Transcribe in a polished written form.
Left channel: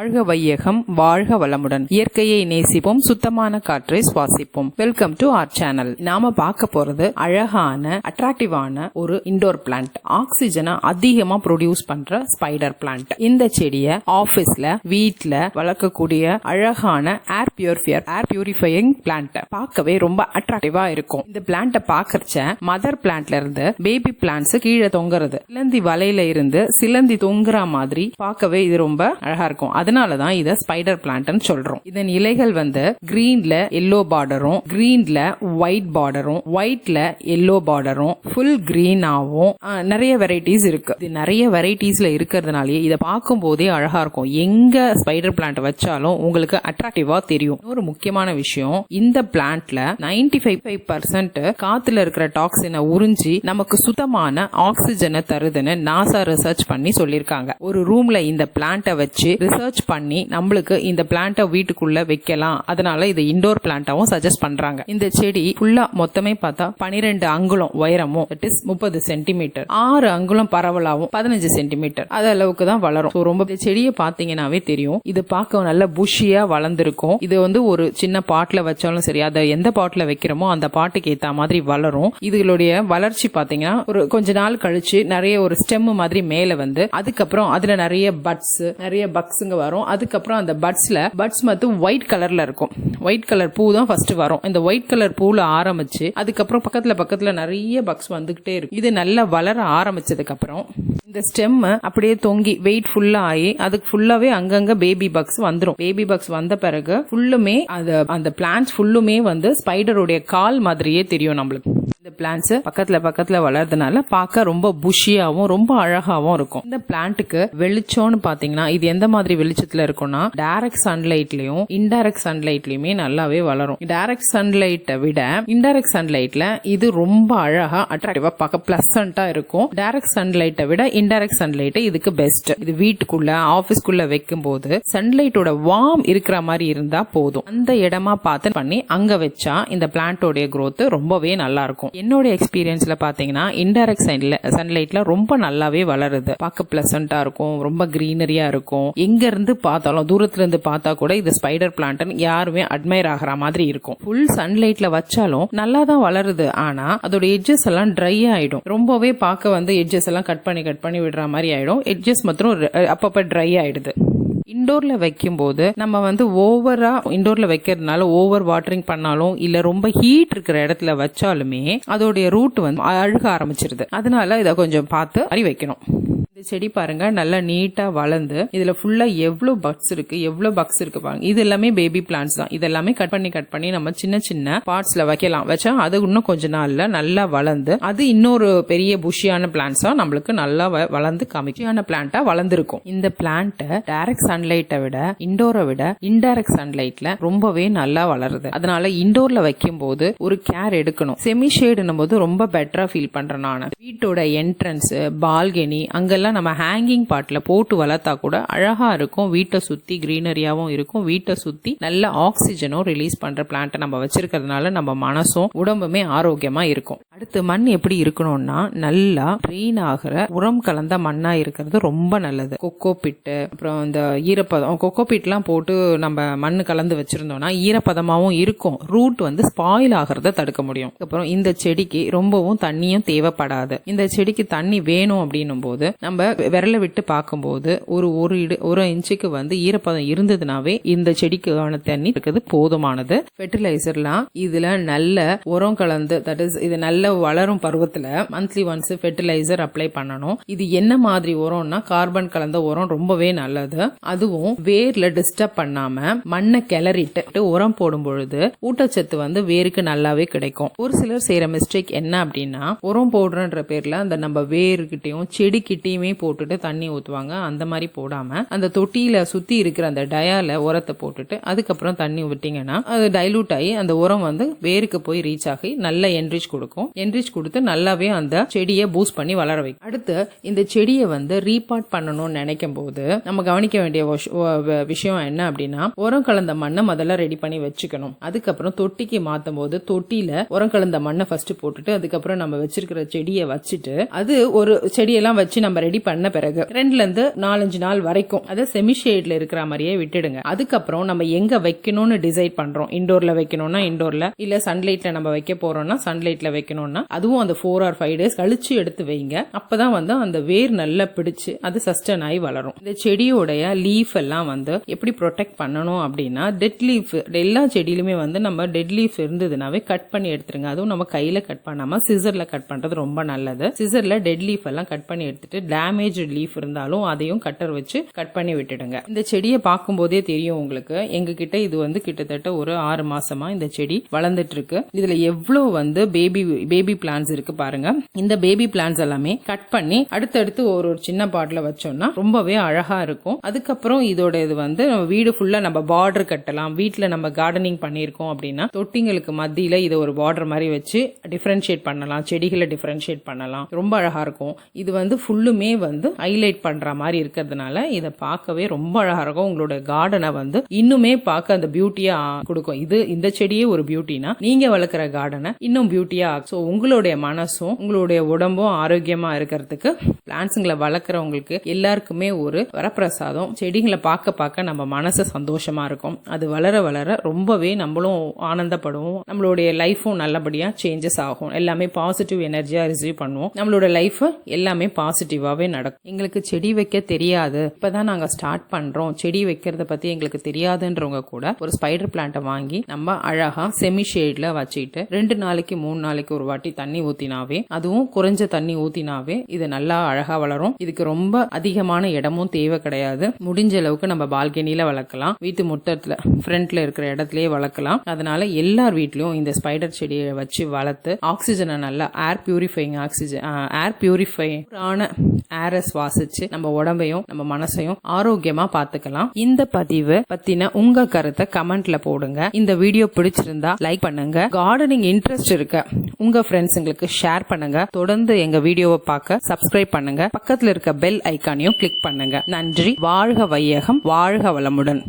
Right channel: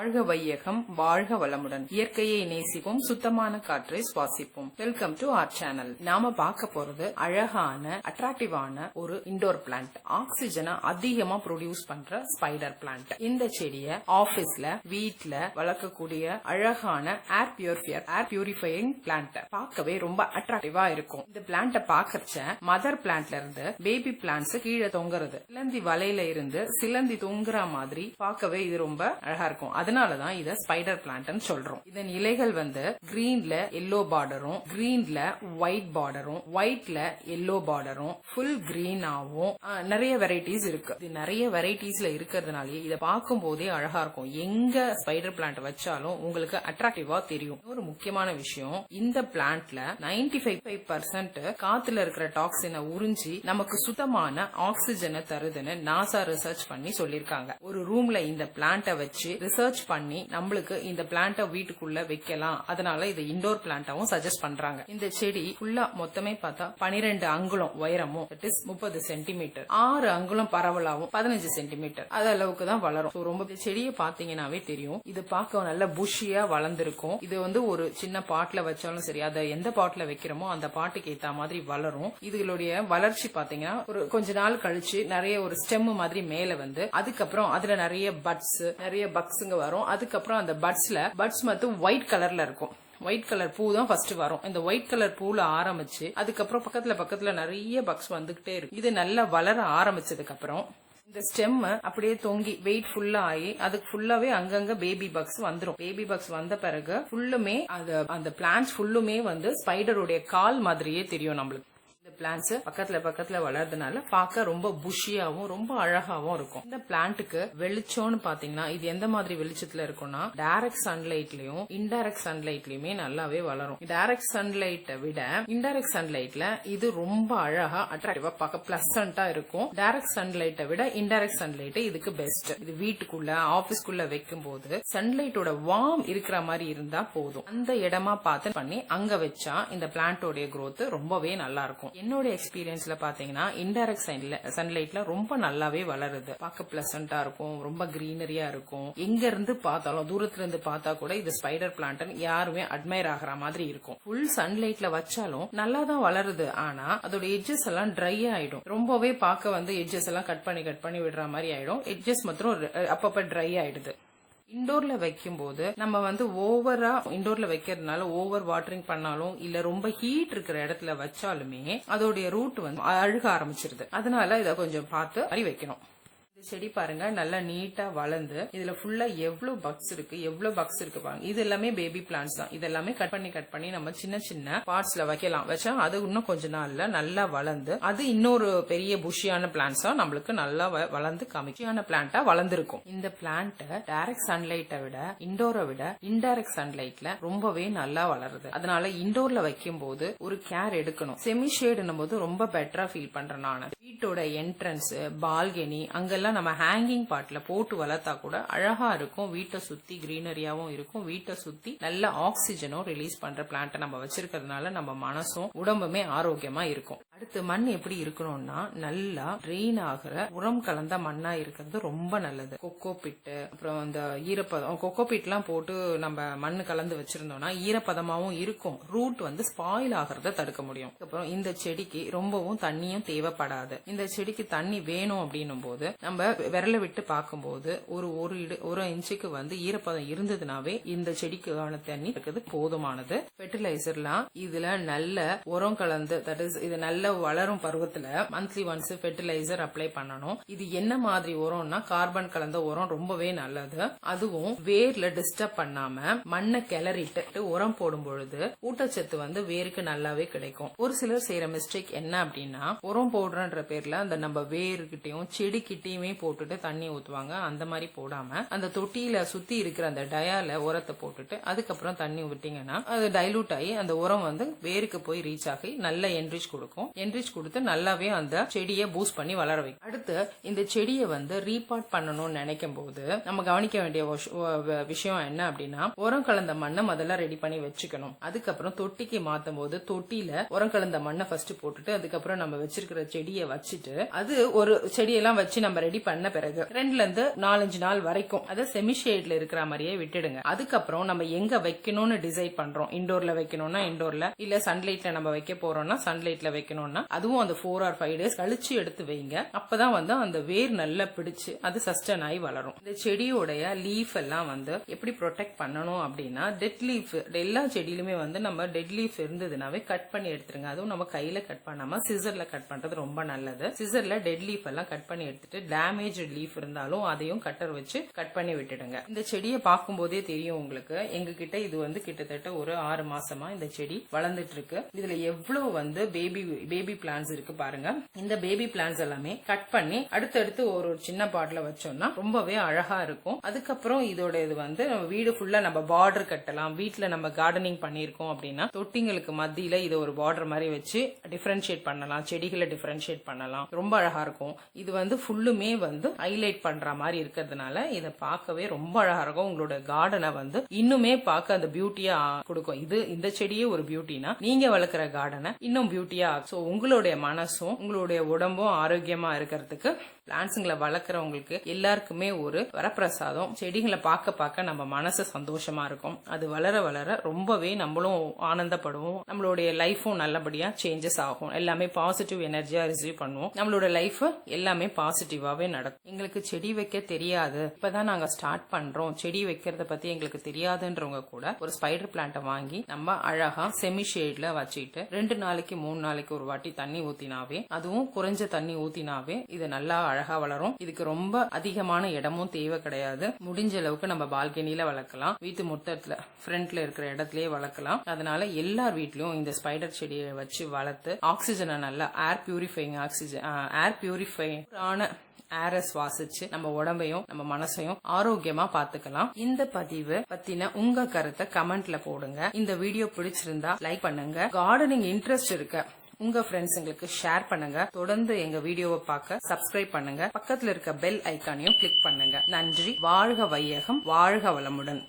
வாழ்க வையகம், வாழ்க வளமுடன். இயற்கையை நேசிப்போம், சுத்தமான காற்றை சுவாசிப்போம். Welcome to our channel. நாம பார்க்க போறது அழகான அட்ராக்டிவான ஒரு இண்டோர் பிளான்ட். ஆக்சிஜனை அதிகமா ப்ரொடியூஸ் பண்ற ஸ்பைடர் பிளான்ட். இந்த செடியை ஆபீஸ்ல, வீட்ல வளர்க்கக்கூடிய அழகான ஏர் பியூரிஃபையிங் பிளான்ட். பார்க்கவே ரொம்ப அட்ராக்டிவா இருக்கும். இந்த பிளான்ட பாக்கறச்ச மதர் பிளான்ட்ல இருந்து பேபி பிளான்ட்ஸ் கீழே தொங்குறது, சிலந்தி வலையில இருந்து சிலந்தி தொங்குற மாதிரி பார்க்கவே இது ரொம்ப அழகா இருக்கும். அதனாலதான் இத ஸ்பைடர் பிளான்ட்னு சொல்றோம். இதன் இலைகள் கிரீன்ல எல்லோ பார்டரும், கிரீன்ல ஒயிட் பார்டரும், ஒயிட்ல எல்லோ பார்டரும், ஃபுல் கிரீனாவும் நிறைய வெரைட்டிஸ் இருக்கு. இது நிறைய வெரைட்டிஸ்ல இருக்கிறதுனாலே இதை பார்க்கும் போதே அழகா இருக்கும். எங்க ஸ்பைடர் பிளான்ட் வச்சாலும் உங்களுக்கு அட்ராக்டிவா தெரியும். ஒரு முக்கியமான விஷயம், இந்த பிளான்ட்ல 95% காத்துல இருக்கிற டாக்ஸினை உறிஞ்சி நமக்கு சுத்தமான ஆக்சிஜனை தருதுன்னு நாசா ரிசர்ச் பண்ணி சொல்லிருக்காங்க. ஒரு ரூம்ல இந்த பிளான்ட்டை வச்சு ரிசர்ச் பண்ணி நம்மளுக்கு இந்த பிளான்ட்டை வீட்டுக்குள்ள வைக்கலாம். அதனால இது இண்டோர் பிளான்ட்டாவும் சஜஸ்ட் பண்றாங்க. இந்த செடி ஃபுல்லா மொத்தமே பார்த்தா 12 அங்குலம் உயரமும், 30 சென்டிமீட்டர், 6 அங்குலம் பரவலாவும், 15 சென்டிமீட்டர் அது அளவுக்கு தான் வளரும். ரொம்ப செடியை பாத்தீங்கன்னாவே தெரியும். இது பார்க்க நல்ல புஷியா வளர்ந்துருக்கும். இது ஒரு சின்ன பாட்ல வச்சாலும் சரி, அதை எந்த பாட்ல வைக்கிறோமோ அந்த பாட்டுக்கு ஏத்த மாதிரி வளரும். இதுகளுடைய வளர்ச்சி பாத்தீங்கன்னா ஒரு கொஞ்ச நாள் கழிச்சு நிறைய ஒரு ஸ்டெம் மாதிரி மேல அதுக்கப்புறம் அதுல நிறைய பக்ஸுங்க வரும். அதுக்கப்புறம் அந்த பட்ஸ் மட்டும் ஒயிட் கலர்ல இருக்கும். ஒயிட் கலர் பூ தான் ஃபர்ஸ்ட் வரும். இந்த ஒயிட் கலர் பூல ஆரம்பிச்சு அதுக்கப்புறம் பக்கத்துல நிறைய பக்ஸ் வந்துகிட்டே இருக்கு. இது நல்லா வளர ஆரம்பிச்சதுக்கு அப்புறம் இந்த ஸ்டெம் அப்படியே தொங்கி வெயிட் ஃபுல்லா ஆகி அதுக்கு ஃபுல்லாவே அங்கங்க பேபி பக்ஸ் வந்துடும். பேபி பக்ஸ் வந்த பிறகு ஃபுல்லுமே அந்த பிளான்ட்ஸ் ஃபுல்லுமே ஸ்பைடருடைய கால் மாதிரியே தெரியும் நம்மளுக்கு. இந்த பிளான்ட்ஸ் பக்கத்துல வளர்றதுனால பார்க்க ரொம்ப புஷியாவும் ரொம்ப அழகாவும் இருக்கும். இந்த பிளான்ட்டுக்கு வெளிச்சம்னு பாத்தீங்கன்னா இது எந்த மாதிரி வெளிச்சத்துல இருக்கும்னா, டைரக்ட் சன்லைட்லயும் இன்டைரக்ட் சன்லைட்லயுமே நல்லாவே வளரும். டைரக்ட் சன்லைட்டை விட இன்டைரக்ட் சன்லைட்ல இது ரொம்ப அழகா அட்ராக்டிவா பார்க்க பிளசண்டா இருக்கும். டைரக்ட் சன்லைட்டை விட இன்டைரக்ட் சன்லைட் இதுக்கு பெஸ்ட். இது வீட்டுக்குள்ள ஆபீஸ்க்குள்ள வைக்கும் போது சன்லைட்டோட வார்ம் இருக்கிற மாதிரி இருந்தா போதும். அந்த இடமா பார்த்து பண்ணி அங்க வச்சா இந்த பிளான்ட்டோட growth ரொம்பவே நல்லா இருக்கும். என்னோட எக்ஸ்பீரியன்ஸ்ல பாத்தீங்கன்னா இன்டைரக்ட் சன்லைட்ல ரொம்ப நல்லாவே வளருது. பார்க்க பிளசண்டா இருக்கும், ரொம்ப கிரீனரியா இருக்கும். எங்க இருந்து பார்த்தாலும், தூரத்துல இருந்து பார்த்தா கூட இது ஸ்பைடர் பிளான்ட் யாருமே அட்மையர் ஆகிற மாதிரி இருக்கும். ஃபுல் சன்லைட்ல வச்சாலும் நல்லா தான் வளருது. ஆனா அதோட எட்ஜஸ் எல்லாம் ட்ரை ஆயிடும். ரொம்பவே பார்க்க எட்ஜஸ் எல்லாம் கட் பண்ணி விடுற மாதிரி ஆயிடும். எட்ஜஸ் மாத்திரம் அப்பப்ப ட்ரை ஆயிடுது. இண்டோர்ல வைக்கும் போது நம்ம ஓவரா இண்டோர்ல வைக்கிறதுனால ஓவர் வாட்டரிங் பண்ணாலும் இல்ல ரொம்ப ஹீட் இருக்கிற இடத்துல வச்சாலுமே அதோடைய ரூட் அழுக ஆரம்பிச்சிருது. அதனால இதை கொஞ்சம் பார்த்து அறி வைக்கணும். இந்த செடி பாருங்க நல்லா நீட்டா வளர்ந்து இதுல ஃபுல்லா எவ்வளவு பக்ஸ் இருக்கு பாருங்க. இது எல்லாமே பேபி பிளான்ட்ஸ் தான். இதெல்லாமே கட் பண்ணி நம்ம சின்ன பார்ட்ஸ்ல வச்சா அது இன்னும் கொஞ்ச நாள்ல நல்லா வளர்ந்து அது இன்னொரு பெரிய புஷியான பிளான்ட்ஸா நம்மளுக்கு நல்லா வளர்ந்து காமிக்கியான பிளான்ட்டா வளர்ந்துருக்கும். இந்த பிளான்ட் டைரக்ட் சன்லைட்டை விட இண்டோரை விட இன்டைரக்ட் சன்லைட்ல ரொம்பவே நல்லா வளருது. அதனால இண்டோர்ல வைக்கும் போது ஒரு கேர் எடுக்கணும். செமி ஷேடுன்னும் போது ரொம்ப பெட்டரா ஃபீல் பண்றேன் நான். வீட்டோட என்ட்ரன்ஸ், பால்கனி அங்கெல்லாம் நம்ம ஹேங்கிங் பாட்ல போட்டு வளர்த்தா கூட அழகா இருக்கும். வீட்டை சுத்தி கிரீனரியாவும் இருக்கும். வீட்டை சுத்தி நல்ல ஆக்சிஜனும் ரிலீஸ் பண்ற பிளான்ட் நம்ம வச்சிருக்கிறதுனால நம்ம மனசும் உடம்புமே ஆரோக்கியமா இருக்கும். அடுத்து மண் எப்படி இருக்கணும்னா நல்லா ட்ரெயின் ஆகிற உரம் கலந்த மண்ணா இருக்கிறது ரொம்ப நல்லது. கொக்கோ பிட்டு, அப்புறம் இந்த ஈரப்பதம், கொக்கோ பிட்லாம் போட்டு நம்ம மண் கலந்து வச்சிருந்தோம்னா ஈரப்பதமாவும் இருக்கும். ரூட் ஸ்பாயில் ஆகிறத தடுக்க முடியும். அப்புறம் இந்த செடிக்கு ரொம்பவும் தண்ணியும் தேவைப்படாது. இந்த செடிக்கு தண்ணி வேணும் அப்படின்னும் போது நம்ம விரல விட்டு பார்க்கும்போது ஒரு இன்ச்சுக்கு ஈரப்பதம் இருந்ததுனாவே இந்த செடிக்கான தண்ணி இருக்குது போதுமானது. ஃபெர்டிலைசர்லாம் இதுல நல்ல உரம் கலந்து, தட் இஸ் இது நல்ல வளரும் பருவத்துல மந்த்லி ஒன்ஸ் ஃபெர்டிலைசர் அப்ளை பண்ணணும். இது என்ன மாதிரி உரம்னா கார்பன் கலந்த உரம் ரொம்பவே நல்லது. அதுவும் வேர்ல டிஸ்டர்ப் பண்ணாம மண்ணை கிளறிட்டு உரம் போடும் பொழுது ஊட்டச்சத்து வேருக்கு நல்லாவே கிடைக்கும். ஒரு சிலர் செய்யற மிஸ்டேக் என்ன அப்படின்னா, உரம் போடுறன்ற பேர்ல அந்த நம்ம வேர்கிட்டையும் செடிக்கிட்டையுமே போட்டுட்டு தண்ணி ஊத்துவாங்க. அந்த மாதிரி போடாம அந்த தொட்டியில சுத்தி இருக்கிற அந்த டயால உரத்தை போட்டுட்டு அதுக்கப்புறம் தண்ணி விட்டீங்கன்னா அது டைலூட் ஆகி அந்த உரம் வேருக்கு போய் ரீச் ஆகி நல்ல என்ரிச் கொடுக்கும். என்ரிச் கொடுத்து நல்லாவே அந்த செடியை பூஸ்ட் பண்ணி வளர வைக்கும். அடுத்து இந்த செடியை ரீபாட் பண்ணணும்னு நினைக்கும் போது நம்ம கவனிக்க வேண்டிய விஷயம் என்ன அப்படின்னா, உரம் கலந்த மண்ணை முதல்ல ரெடி பண்ணி வச்சுக்கணும். அதுக்கப்புறம் தொட்டிக்கு மாத்தும் போது தொட்டியில உரம் கலந்த மண்ணை ஃபர்ஸ்ட் போட்டுட்டு அதுக்கப்புறம் நம்ம வச்சிருக்கிற செடியை வச்சுட்டு அது ஒரு செடியெல்லாம் வச்சு நம்ம ரெடி ரெடி பண்ண பிறகு 2ல இருந்து 4-5 நாள் வரைக்கும் அது செமி ஷேட்ல இருக்கிற மாதிரியே விட்டுடுங்க. அதுக்கப்புறம் நம்ம எங்க வைக்கணும்னு டிசைட் பண்றோம். இண்டோர்ல வைக்கணும்னா இண்டோர்ல, இல்ல சன்லைட்ல நம்ம வைக்க போறோம்னா சன்லைட்ல வைக்கணும்னா அதுவும் அந்த 4 or 5 days கழிச்சு எடுத்து வைங்க. அப்பதான் அந்த வேர் நல்லா பிடிச்சு அது சஸ்டெயின் ஆகி வளரும். இந்த செடியோடைய லீஃப் எல்லாம் எப்படி ப்ரொடெக்ட் பண்ணணும் அப்படின்னா, டெட் லீஃப் எல்லா செடியிலுமே நம்ம டெட் லீஃப் இருந்ததுனாவே கட் பண்ணி எடுத்துருங்க. அதுவும் நம்ம கையில கட் பண்ணாம சிசர்ல கட் பண்றது ரொம்ப நல்லது. சிசர்ல டெட் லீஃப் எல்லாம் கட் பண்ணி எடுத்துட்டு டேமேஜ் லீஃப் இருந்தாலும் அதையும் கட்டர் வச்சு கட் பண்ணி விட்டுடுங்க. இந்த செடியை பார்க்கும் போதே தெரியும் உங்களுக்கு, எங்க கிட்ட இது கிட்டத்தட்ட ஒரு 6 மாசமா இந்த செடி வளர்ந்துட்டு இருக்கு. இதுல எவ்வளவு பேபி பிளான்ஸ் இருக்கு பாருங்க. இந்த பேபி பிளான்ஸ் எல்லாமே கட் பண்ணி அடுத்தடுத்து ஒரு சின்ன பாட்ல வச்சோம்னா ரொம்பவே அழகா இருக்கும். அதுக்கப்புறம் இதோட இது நம்ம வீடு ஃபுல்லா நம்ம பார்டர் கட்டலாம். வீட்டுல நம்ம கார்டனிங் பண்ணிருக்கோம் அப்படின்னா தொட்டிங்களுக்கு மத்தியில இதை ஒரு பார்டர் மாதிரி வச்சு டிஃபரன்ஷியேட் பண்ணலாம், செடிகளை டிஃபரன்ஷியேட் பண்ணலாம். ரொம்ப அழகா இருக்கும். இது ஃபுல்லுமே ஹைலைட் பண்ற மாதிரி இருக்கிறதுனால இதை பார்க்கவே ரொம்ப அழகா இருக்கும். உங்களோட கார்டனை இன்னுமே பார்க்க அந்த பியூட்டியா கொடுக்கும். இந்த செடியே ஒரு பியூட்டினா நீங்க வளர்க்குற கார்டனை இன்னும் பியூட்டியா. ஸோ உங்களுடைய மனசும் உங்களுடைய உடம்பும் ஆரோக்கியமா இருக்கிறதுக்கு பிளான்ட்ஸுங்களை வளர்க்குறவங்களுக்கு எல்லாருக்குமே ஒரு வரப்பிரசாதம். செடிகளை பார்க்க நம்ம மனசு சந்தோஷமா இருக்கும். அது வளர வளர ரொம்பவே நம்மளும் ஆனந்தப்படுவோம். நம்மளுடைய லைஃபும் நல்லபடியா சேஞ்சஸ் ஆகும். எல்லாமே பாசிட்டிவ் எனர்ஜியா ரிசீவ் பண்ணுவோம். நம்மளோட லைஃப் எல்லாமே பாசிட்டிவாவே நடக்கும். எங்களுக்கு செடி வைக்க தெரியாது, இப்பதான் நாங்க ஸ்டார்ட் பண்றோம், செடி வைக்கிறத பத்தி எங்களுக்கு தெரியாதுன்றவங்க கூட ஒரு ஸ்பைடர் பிளான்ட்டை வாங்கி நம்ம அழகா செமி ஷேட்ல வச்சுட்டு 2 நாளைக்கு 3 நாளைக்கு ஒரு வாட்டி தண்ணி ஊத்தினாவே, அதுவும் குறைஞ்ச தண்ணி ஊத்தினாவே இது நல்லா அழகா வளரும். இதுக்கு ரொம்ப அதிகமான இடமும் தேவை கிடையாது. முடிஞ்ச அளவுக்கு நம்ம பால்கனில வளர்க்கலாம், வீட்டு முற்றத்துல ஃப்ரண்ட்ல இருக்கிற இடத்துலயே வளர்க்கலாம். அதனால எல்லார் வீட்லயும் இந்த ஸ்பைடர் செடியை வச்சு வளர்த்து ஆக்சிஜனை நல்லா ஏர் பியூரிஃபையான ஏரை சுவாசிச்சு நம்ம உடம்பையும் நம்ம மனசையும் ஆரோக்கியமா பாத்துக்கலாம். இந்த பதிவு பத்தின உங்க கருத்தை கமெண்ட்ல போடுங்க. இந்த வீடியோ பிடிச்சிருந்தா லைக் பண்ணுங்க. கார்டனிங் இன்ட்ரெஸ்ட் இருக்க உங்க ஃப்ரெண்ட்ஸுங்களுக்கு ஷேர் பண்ணுங்க. தொடர்ந்து எங்க வீடியோவை பார்க்க சப்ஸ்கிரைப் பண்ணுங்க. பக்கத்துல இருக்க பெல் ஐக்கானையும் கிளிக் பண்ணுங்க. நன்றி. வாழ்க வையகம், வாழ்க வளமுடன்.